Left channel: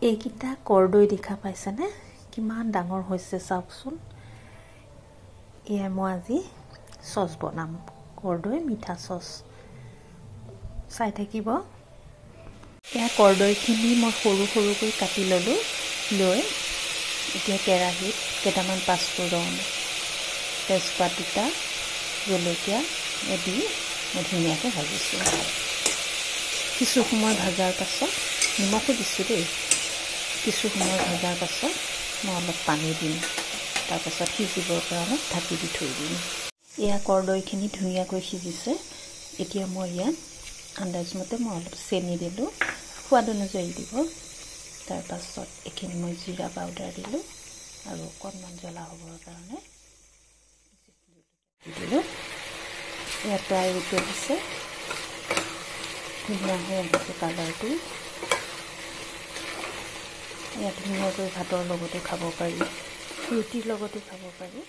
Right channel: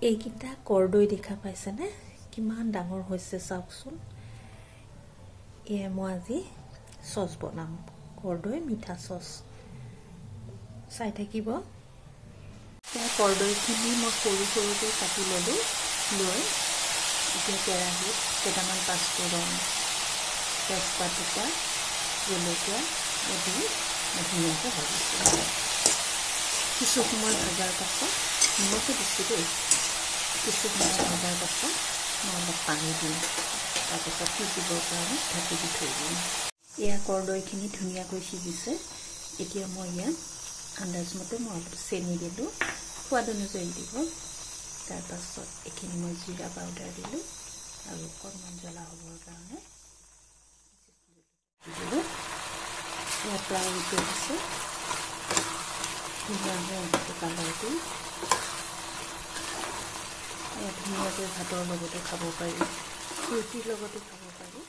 এইকিটা কৰদৈ দেখা পাইছেনে কিমান ডাঙৰ হৈছে চাওকচোন এয়া মই আজি সস বনাম কৰদৈ মিঠা সস চাই থাকিব এয়া কৰদৈখিনি মই সৰু সৰুকৈ কাটি ললো লৈ এতিয়া কেৰাহীত কেইটামান পাঁচফোৰণ তেজপাত দুটা জলকীয়া এদি ধুনীয়াকৈ ভাজিছোঁ কিছু সময় ভাজাৰ পাছত নিমখো দিছোঁ দেই কিছু সময় ভজাৰ পাছত মই অলপ পানী দিম তাৰপাছত সিজিবৰ কাৰণে ঢাকি দি থৈ দিম এয়া কৰদৈখিনি ধুনীয়াকৈ সিজিছে এতিয়া মই ইয়াত আন্দাজমতে মই অলপ চেনি দিলোঁ সোৱাদ অনুযায়ী দিব তাৰপাছত এইখিনি মই জিৰা পাউডাৰ দিলোঁ আৰু অকণমান জ্বলা হ'বৰ কাৰণে দিলোঁ এয়া প্ৰায় উতলি আছে ধুনীয়া হৈ আহিছে কালাৰটো এয়া ধুনীয়াকৈ ভাতৰ লগতো খাব পাৰি ৰুটিৰ লগতো খাব পাৰি